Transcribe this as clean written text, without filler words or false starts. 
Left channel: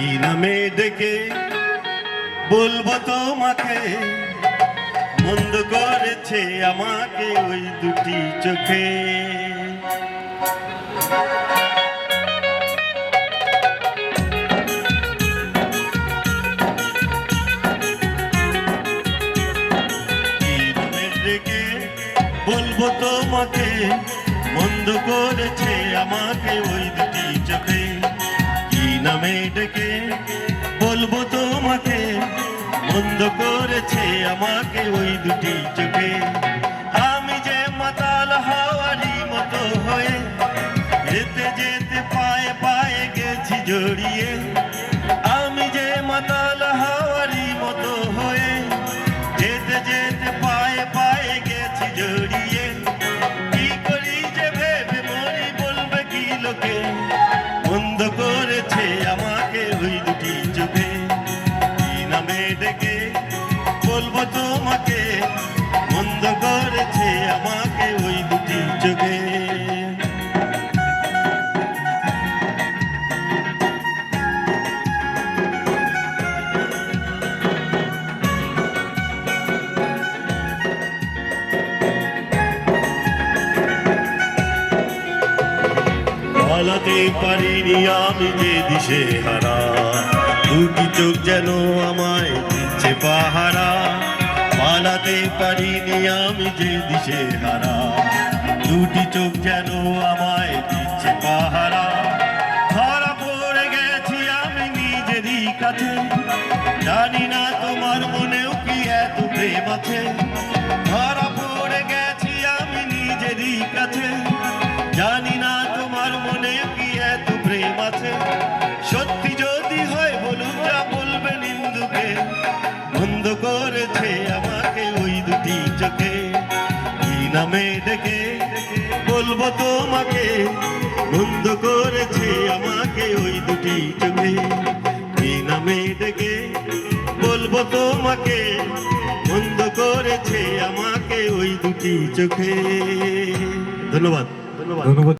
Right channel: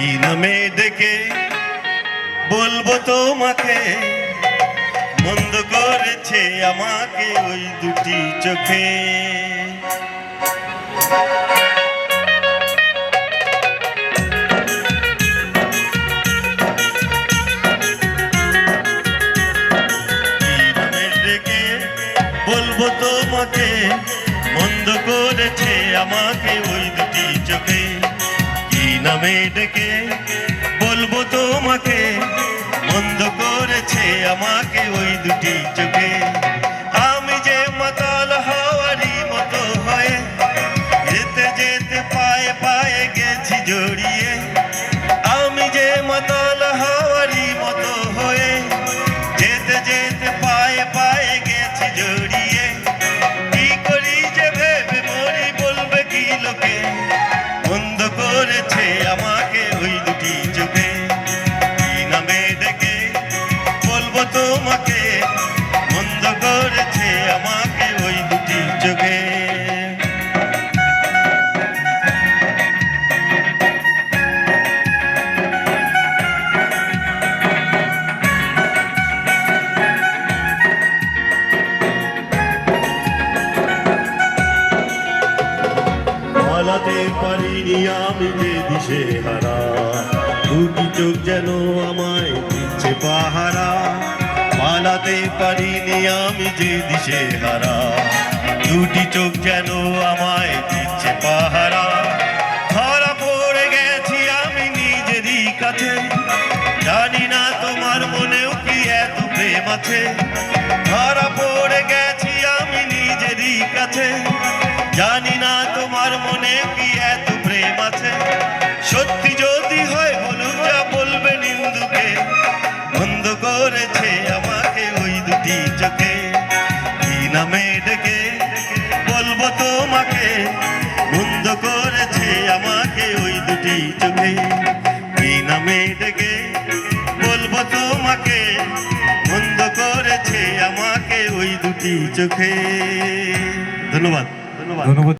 কি নামে ডেকে বলবো তোমাকে, বন্ধ করেছে আমাকে ওই দুটি চোখে। বলবো তোমাকে, বন্ধ করেছে আমাকে ওই দুটি চোখে। কি নামে ডেকে বলবো তোমাকে, বন্ধ করেছে আমাকে ওই দুটি চোখে। আমি যে মাতাল হাওয়ারি মতো হয়ে যেতে যেতে পায়ে পায়ে গেছি জড়িয়ে। আমি যে মাতাল হাওয়ারি মতো হয়ে যেতে যেতে পায়ে পায়ে গেছি জড়িয়ে। কি করি যে ভেবে মরি বলবে কি লোকে, বন্ধ করেছে আমাকে ওই দুটি চোখে। কি নামে ডেকে বলবো তোমাকে, বন্ধ করেছে আমাকে ওই দুটি চোখে। পালাতে পারিনি আমি যে দিশে হারা, দুটি চোখ যেন আমায় দিচ্ছে পাহারা। পালাতে পারিনি আমি যে দিশে হারা, দুটি চোখ যেন আমায় দিচ্ছে পাহারা। ধরা পড়ে গেছি আমি নিজেরই কাছে, জানি না তোমার মনেও কি এত প্রেম আছে। ধরা পড়ে গেছি আমি নিজেরই কাছে, জানি না তোমার মনে কি এত প্রেম আছে। সত্যি যদি হয় বলুন যা বলবে নিন্দুকে, বন্ধ করেছে আমাকে ওই দুটি চোখে। কি নামে ডেকে বলবো তোমাকে, বন্ধ করেছে আমাকে ওই দুটি চোখে। কি নামে ডেকে বলবো তোমাকে, বন্ধ করেছে আমাকে ওই দুটি চোখে। ধন্যবাদ। ধন্যবাদ।